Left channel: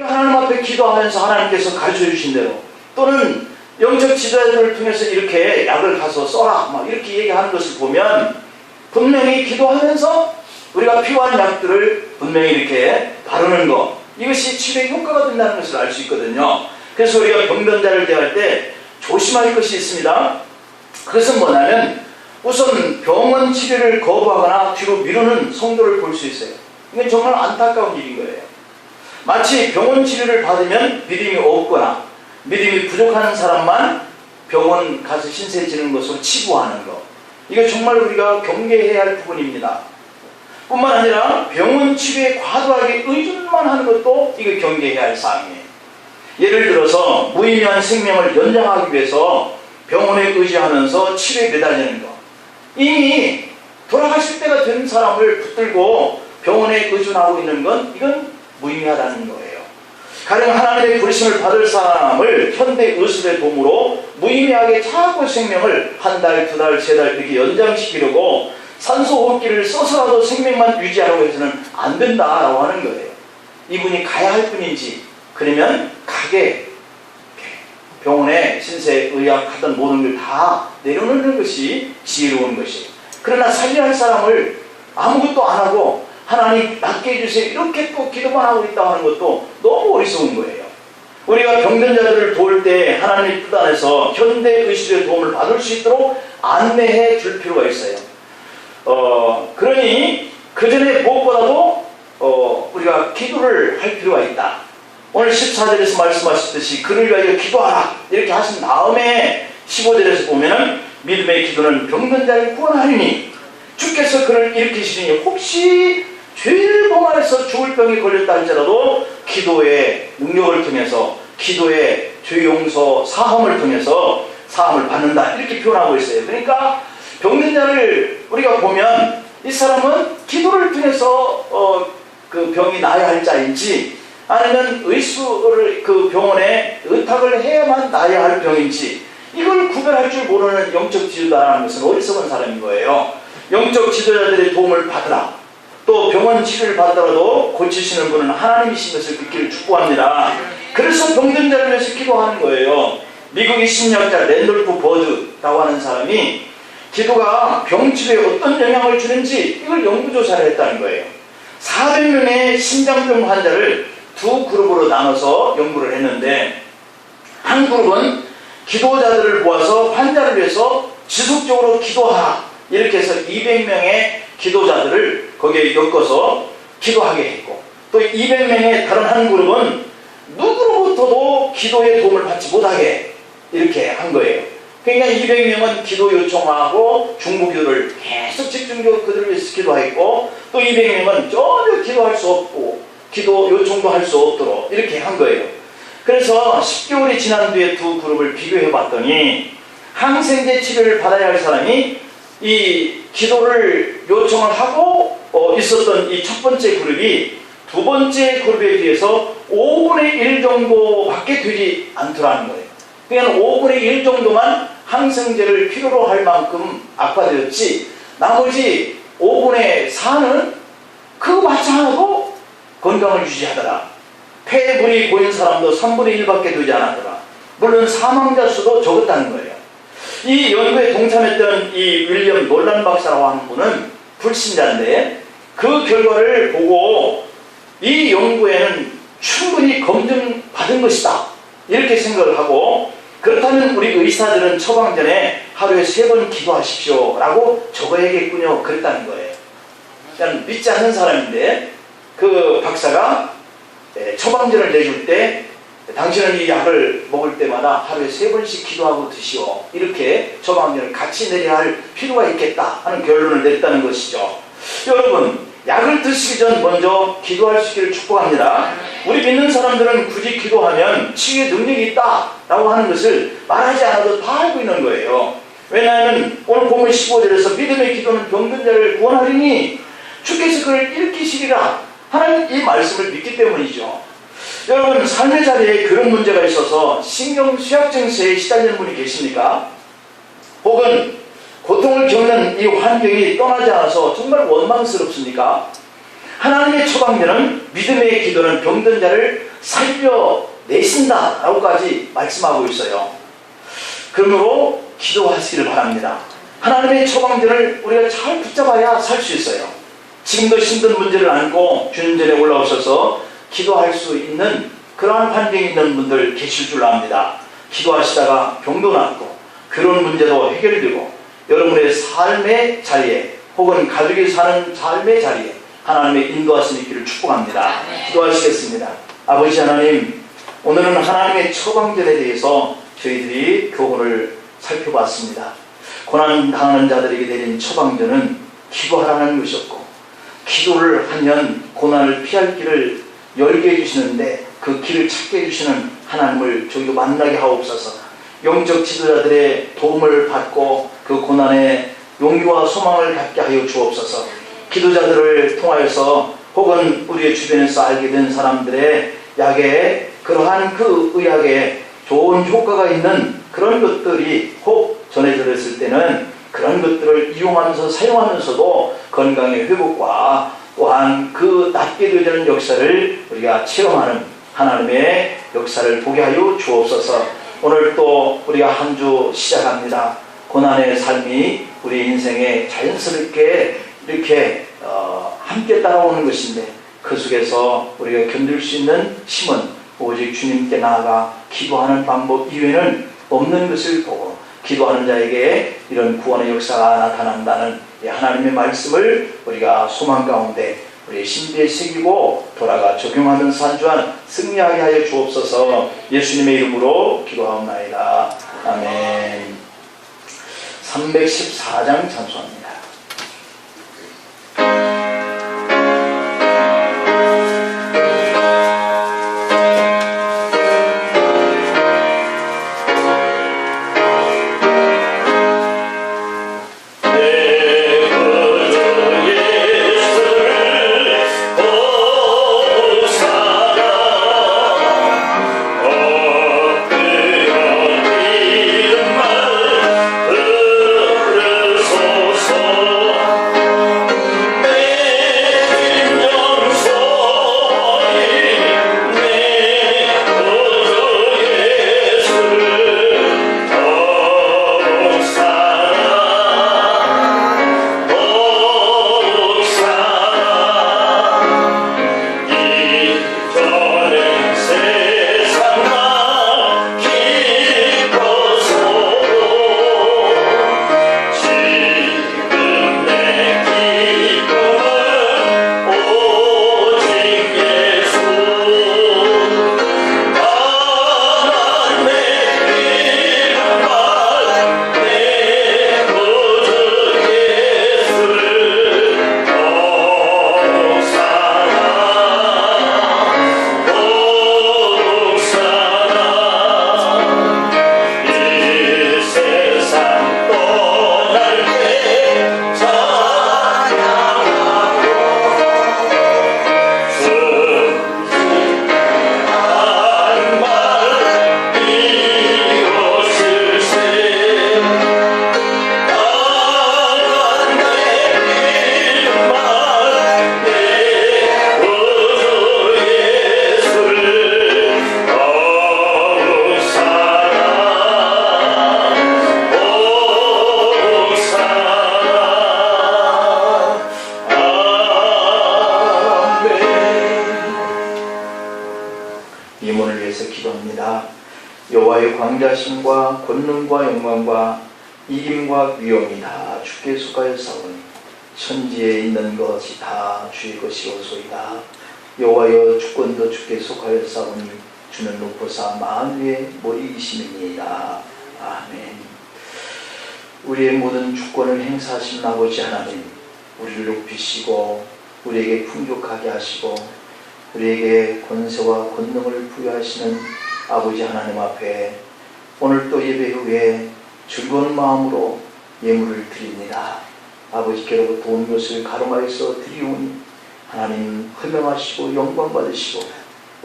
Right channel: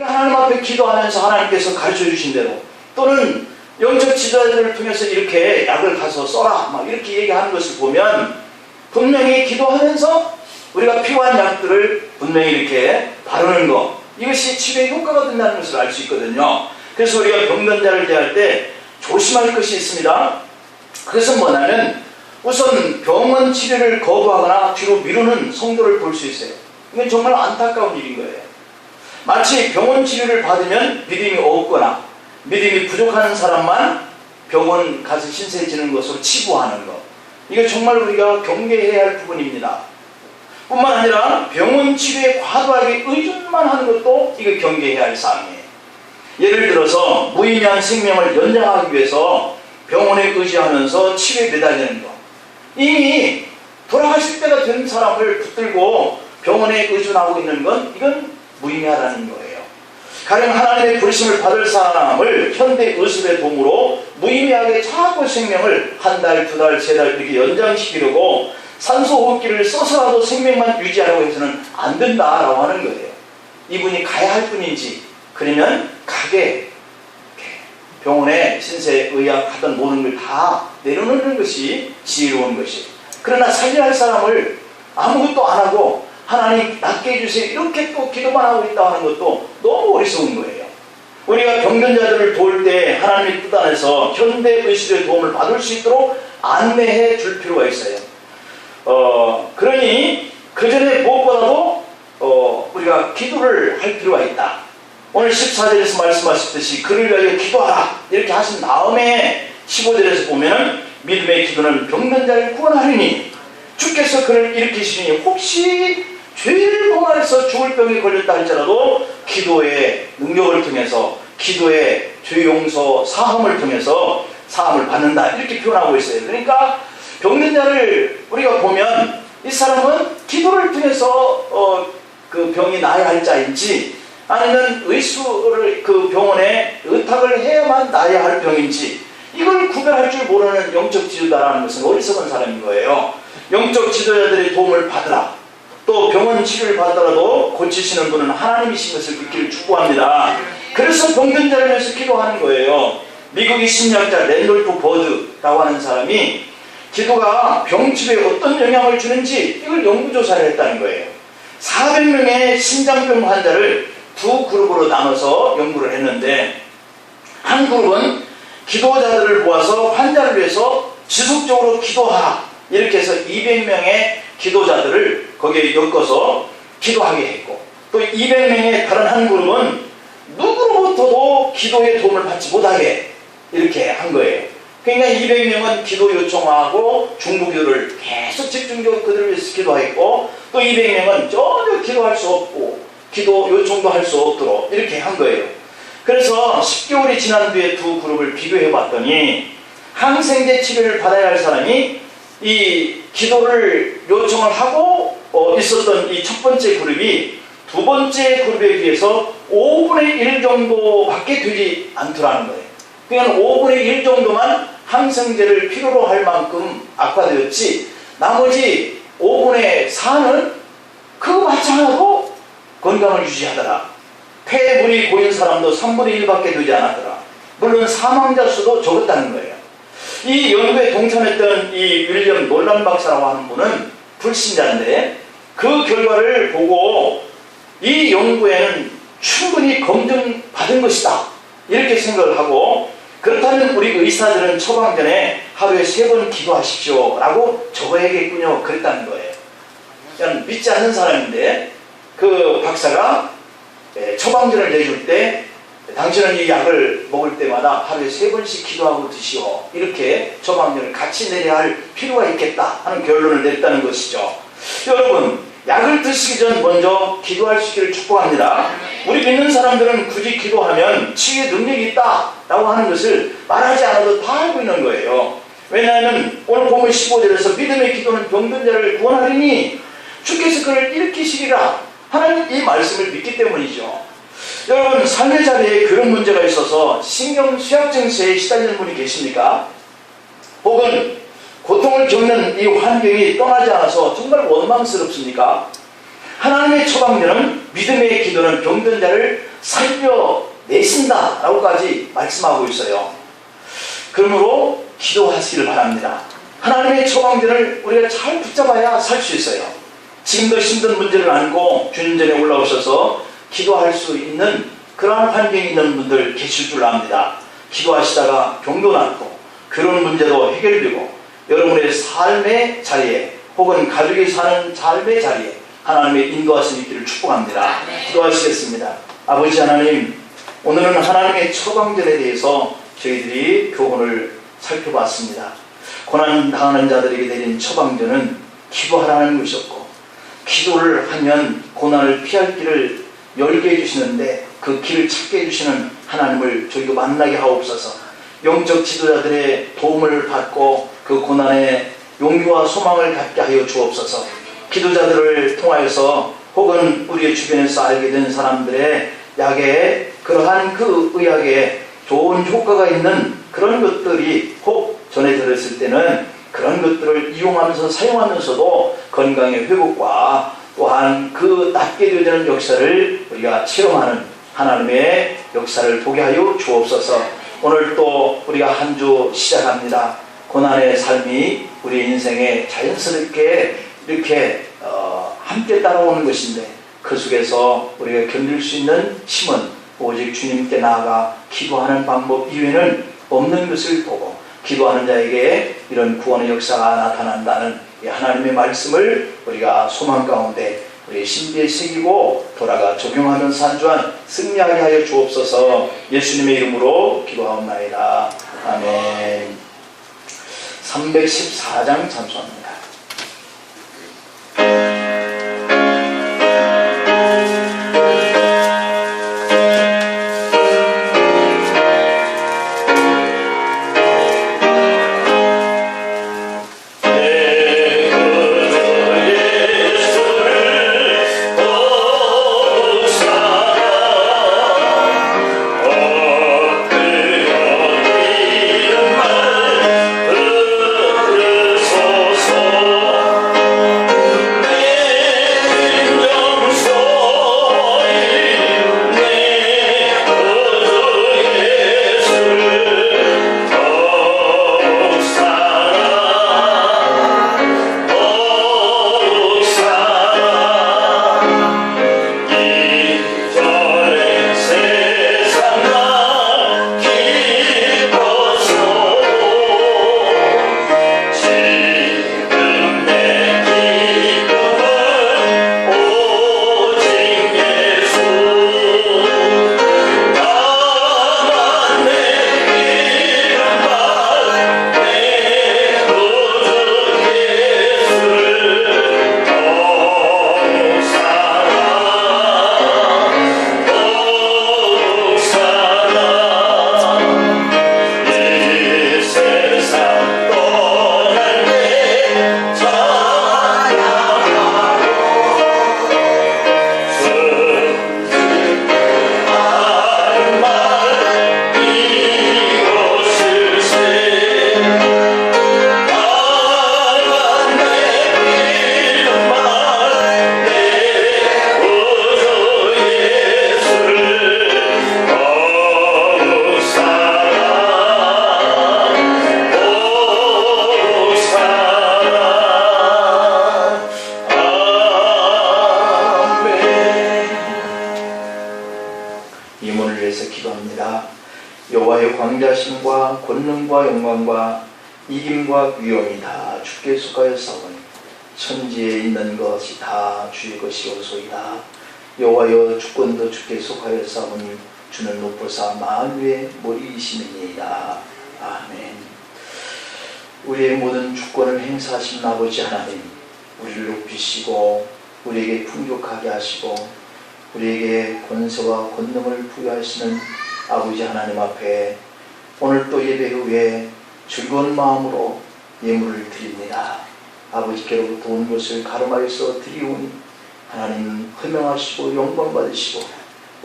하나님 앞에 기도하면서 하나님께서 가르쳐 주신 대로, 또는 영적 지도자들을 통해서 이렇게 약을 가서 써라 막 이렇게 얘기하는 것을 보면 분명히 기도하면서 우리가 필요한 약들을 분명히 이렇게 바르는 것, 이것이 치료에 효과가 된다는 것을 알 수 있거든요. 그래서 우리가 병든 자를 대할 때 조심할 것이 있습니다. 그것은 뭐냐면, 우선 병원 치료를 거부하거나 뒤로 미루는 성도를 볼 수 있어요. 이건 정말 안타까운 일인 거예요. 마치 병원 치료를 받으면 믿음이 없거나 믿음이 부족한 사람만 병원 가서 신세지는 것으로 치부하는 것, 이거 정말 우리가 경계해야 할 부분입니다. 뿐만 아니라 병원 치료에 과도하게 의존만 하는 것도 이거 경계해야 할 사항이에요. 예를 들어서 무의미한 생명을 연장하기 위해서 병원에 의지하면서 치료에 매달리는 것, 이미 돌아가실 때가 된 사람을 붙들고 병원에 의존하고 있는 건 이건 무의미하다는 거예요. 가령 하나님의 부르심을 받을 사람을 현대 의술의 도움으로 무의미하게 자꾸 생명을 한 달, 두 달, 세 달 이렇게 연장시키려고 산소호흡기를 써서라도 생명만 유지하려고 해서는 안 된다라고 하는 거예요. 이분이 가야 할 뿐인지, 그러면 가게 병원에 신세의학 하던 모든 걸 다 내려놓는 것이 지혜로운 것이에요. 그러나 살려야 할 사람을 아무것도 안 하고 하나님 낫게 해주세요 이렇게 또 기도만 하고 있다 하는 것도 너무 어리석은 거예요. 우리가 병든 자들을 도울 때 하나님의 뜻 안에서 현대의술의 도움을 받을 수 있도록 안내해 줄 필요가 있어요. 그러니 그 전에 무엇보다도 우리가 기도를 할 필요가 있다. 오늘 14절에서 말씀하셨듯이 그를 위하여 기도하라 이렇게 하신 다음에 15절에서 보면 믿음의 기도는 병든 자를 구원하리니 주께서 그를 일으키시니 혹시 죄를 범하여서 죽을 병에 걸렸다 할지라도 기도의 능력을 통해서, 기도의 죄 용서 사함을 통해서 사함을 받는다 이렇게 표현하고 있어요. 그러니까 병든 자를 우리가 보면 이 사람은 기도를 통해서 그 병이 나아야 할 자인지, 아니면 의수를 그 병원에 의탁을 해야만 나아야 할 병인지, 이걸 구별할 줄 모르는 영적 지도자라는 것은 어리석은 사람인 거예요. 영적 지도자들의 도움을 받으라, 또 병원 치료를 받더라도 고치시는 분은 하나님이신 것을 믿기를 축복합니다. 그래서 병든 자를 위해서 기도하는 거예요. 미국의 심리학자 랜돌프 버드라고 하는 사람이 기도가 병치료에 어떤 영향을 주는지 이걸 연구조사를 했다는 거예요. 400명의 심장병 환자를 두 그룹으로 나눠서 연구를 했는데, 한 그룹은 기도자들을 모아서 환자를 위해서 지속적으로 기도하라 이렇게 해서 200명의 기도자들을 거기에 엮어서 기도하게 했고, 또 200명의 다른 한 그룹은 누구로부터도 기도의 도움을 받지 못하게 이렇게 한 거예요. 그러니까 200명은 기도 요청하고 중보기도를 계속 집중적으로 그들을 위해서 기도했고, 또 200명은 전혀 기도할 수 없고 기도 요청도 할 수 없도록 이렇게 한 거예요. 그래서 10개월이 지난 뒤에 두 그룹을 비교해 봤더니 항생제 치료를 받아야 할 사람이 이 기도를 요청을 하고 있었던 이 첫 번째 그룹이 두 번째 그룹에 비해서 5분의 1 정도밖에 되지 않더라는 거예요. 그러니까 5분의 1 정도만 항생제를 필요로 할 만큼 악화되었지, 나머지 5분의 4는 그거 맞지 않아도 건강을 유지하더라. 폐에 물이 고인 사람도 3분의 1밖에 되지 않았더라. 물론 사망자 수도 적었다는 거예요. 이 연구에 동참했던 이 윌리엄 놀란 박사라고 하는 분은 불신자인데, 그 결과를 보고 이 연구에는 충분히 검증받은 것이다 이렇게 생각을 하고, 그렇다면 우리 의사들은 처방 전에 하루에 3번 기도하십시오 라고 적어야겠군요 그랬다는 거예요. 그냥 믿지 않는 사람인데 그 박사가 처방전을 내줄 때 당신은 이 약을 먹을 때마다 하루에 3번씩 기도하고 드시오 이렇게 처방전을 같이 내려야 할 필요가 있겠다 하는 결론을 냈다는 것이죠. 여러분, 약을 드시기 전 먼저 기도할 수 있기를 축복합니다. 우리 믿는 사람들은 굳이 기도하면 치유의 능력이 있다라고 하는 것을 말하지 않아도 다 알고 있는 거예요. 왜냐하면 오늘 보면 15절에서 믿음의 기도는 병든 자를 구원하리니 주께서 그를 일으키시리라 하는 이 말씀을 믿기 때문이죠. 여러분, 삶의 자리에 그런 문제가 있어서 신경쇠약증세에 시달리는 분이 계십니까? 혹은 고통을 겪는 이 환경이 떠나지 않아서 정말 원망스럽습니까? 하나님의 처방전은, 믿음의 기도는 병든 자를 살려내신다라고까지 말씀하고 있어요. 그러므로 기도하시기를 바랍니다. 하나님의 처방전을 우리가 잘 붙잡아야 살 수 있어요. 지금도 힘든 문제를 안고 주님 전에 올라오셔서 기도할 수 있는 그러한 환경에 있는 분들 계실 줄 압니다. 기도하시다가 병도 낫고 그런 문제도 해결되고 여러분의 삶의 자리에 혹은 가족이 사는 삶의 자리에 하나님의 인도하심이 있기를 축복합니다. 기도하시겠습니다. 아버지 하나님, 오늘은 하나님의 처방전에 대해서 저희들이 교훈을 살펴봤습니다. 고난당하는 자들에게 내린 처방전은 기도하라는 것이었고, 기도를 하면 고난을 피할 길을 열게 해주시는데 그 길을 찾게 해주시는 하나님을 저희도 만나게 하옵소서. 영적 지도자들의 도움을 받고 그 고난에 용기와 소망을 갖게 하여 주옵소서. 기도자들을 통하여서 혹은 우리의 주변에서 알게 된 사람들의 약에 그러한 그 의학에 좋은 효과가 있는 그런 것들이 혹 전해 들었을 때는 그런 것들을 이용하면서 사용하면서도 건강의 회복과 또한 그 낫게 되어지는 역사를 우리가 체험하는 하나님의 역사를 보게 하여 주옵소서. 오늘 또 우리가 한 주 시작합니다. 고난의 삶이 우리 인생에 자연스럽게 이렇게 함께 따라오는 것인데 그 속에서 우리가 견딜 수 있는 힘은 오직 주님께 나아가 기도하는 방법 이외에는 없는 것을 보고 기도하는 자에게 이런 구원의 역사가 나타난다는 하나님의 말씀을 우리가 소망 가운데 우리의 신비에 새기고 돌아가 적용하면서 한 주간 승리하게 하여 주옵소서. 예수님의 이름으로 기도하옵나이다. 아멘. 314장 참수합니다. 여호와의 광대하심과 권능과 영광과 이김과 위엄이 다 주께 속하였사오니 천지에 있는 것이 다 주의 것이오소이다. 여호와여 주권도 주께 속하였사오니 주는 높으사 만유의 머리이시니이다. 아멘. 우리의 모든 주권을 행사하신 아버지 하나님, 우리를 높이시고 우리에게 풍족하게 하시고 우리에게 권세와 권능을 부여하시는 아버지 하나님 앞에 오늘 또 예배 후에 즐거운 마음으로 예물을 드립니다. 아버지께로부터 온 것을 가름하여서 드리오니 하나님 허명하시고 영광 받으시고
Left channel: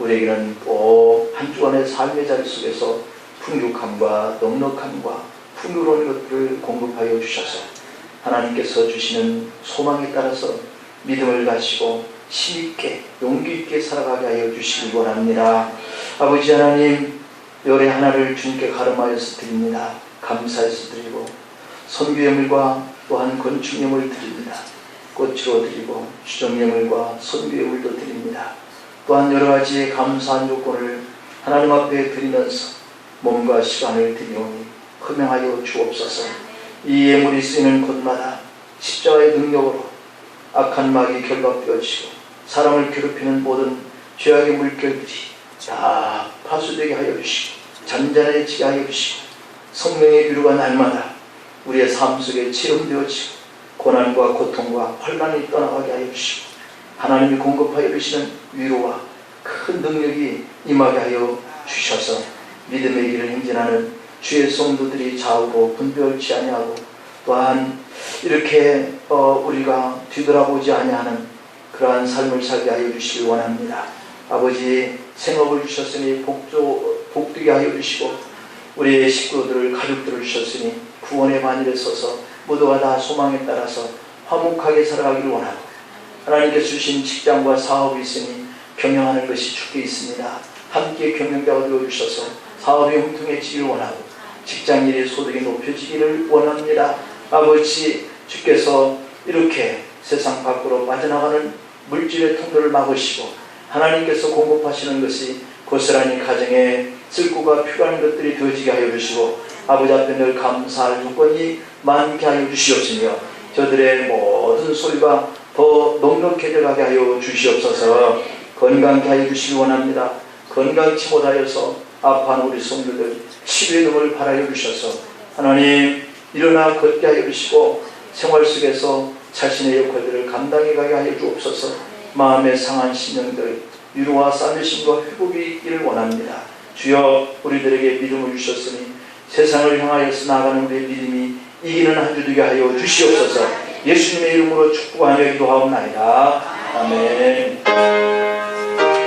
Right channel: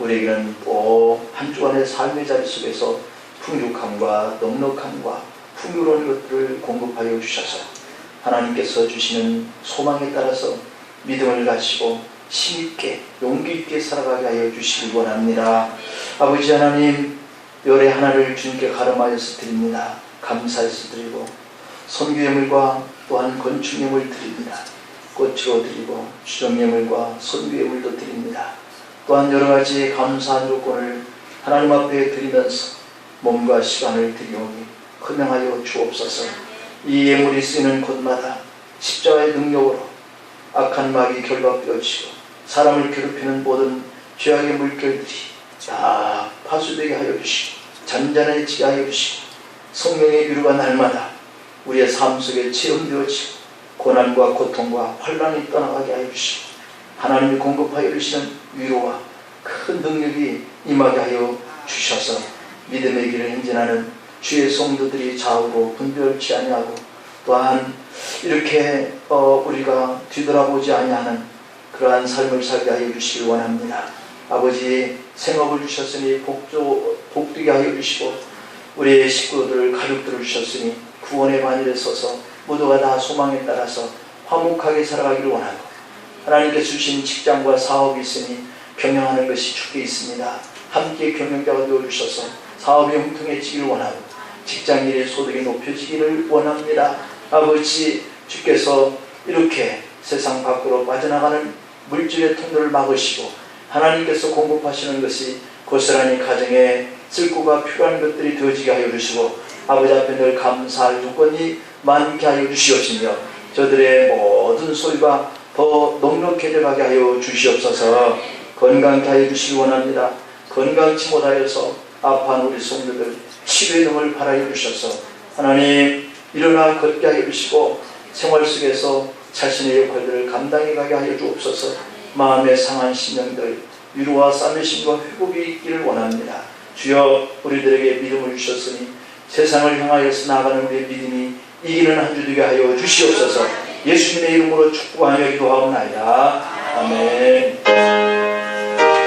우리에게는 또 한 주간의 삶의 자리 속에서 풍족함과 넉넉함과 풍요로운 것들을 공급하여 주셔서 하나님께서 주시는 소망에 따라서 믿음을 가지고 힘있게 용기 있게 살아가게 하여 주시기 원합니다. 아버지 하나님, 열의 하나를 주님께 가름하여서 드립니다. 감사해서 드리고 선교예물과 또한 건축예물 드립니다. 꽃으로 드리고 주정예물과 선교예물도 드립니다. 또한 여러 가지 감사한 요건을 하나님 앞에 드리면서 몸과 시간을 드리오니 허명하여 주옵소서. 이 예물이 쓰이는 곳마다 십자가의 능력으로 악한 마귀 결박되어지고 사람을 괴롭히는 모든 죄악의 물결들이 다 파수되게 하여 주시고 잔잔해지게 하여 주시고 성령의 위로가 날마다 우리의 삶 속에 체험되어지고 고난과 고통과 환난이 떠나가게 하여 주시고 하나님이 공급하여 주시는 위로와 큰 능력이 임하게 하여 주셔서 믿음의 길을 행진하는 주의 성도들이 좌우로 분별치 아니하고 또한 이렇게 우리가 뒤돌아보지 아니하는 그러한 삶을 살게 하여 주시기 원합니다. 아버지, 생업을 주셨으니 복되게 하여 주시고 우리의 식구들, 가족들을 주셨으니 구원의 반열에 서서 모두가 다 소망에 따라서 화목하게 살아가기를 원하고 하나님께서 주신 직장과 사업이 있으니 경영하는 것이 주께 있습니다. 함께 경영자가 되어주셔서 사업이 형통해지기를 원하고 직장일의 소득이 높여지기를 원합니다. 아버지, 주께서 이렇게 세상 밖으로 빠져나가는 물질의 통로를 막으시고 하나님께서 공급하시는 것이 고스란히 가정에 쓸고가 필요한 것들이 되어지게 하여 주시고 아버지 앞에 늘 감사할 조건이 많게 하여 주시옵시며 저들의 모든 소유가 더 넉넉해져 가게 하여 주시옵소서. 건강케 하여 주시기 원합니다. 건강치 못하여서 아파하는 우리 성도들 치료의 능을 바라여 주셔서 하나님 일어나 걷게 하여 주시고 생활 속에서 자신의 역할들을 감당해 가게 하여 주옵소서. 마음의 상한 심령들 위로와 싸매심과 회복이 있기를 원합니다. 주여, 우리들에게 믿음을 주셨으니 세상을 향하여서 나가는 우리의 믿음이 이기는 한 주 되게 하여 주시옵소서. 예수님의 이름으로 축복하며 기도하옵나이다. 아멘.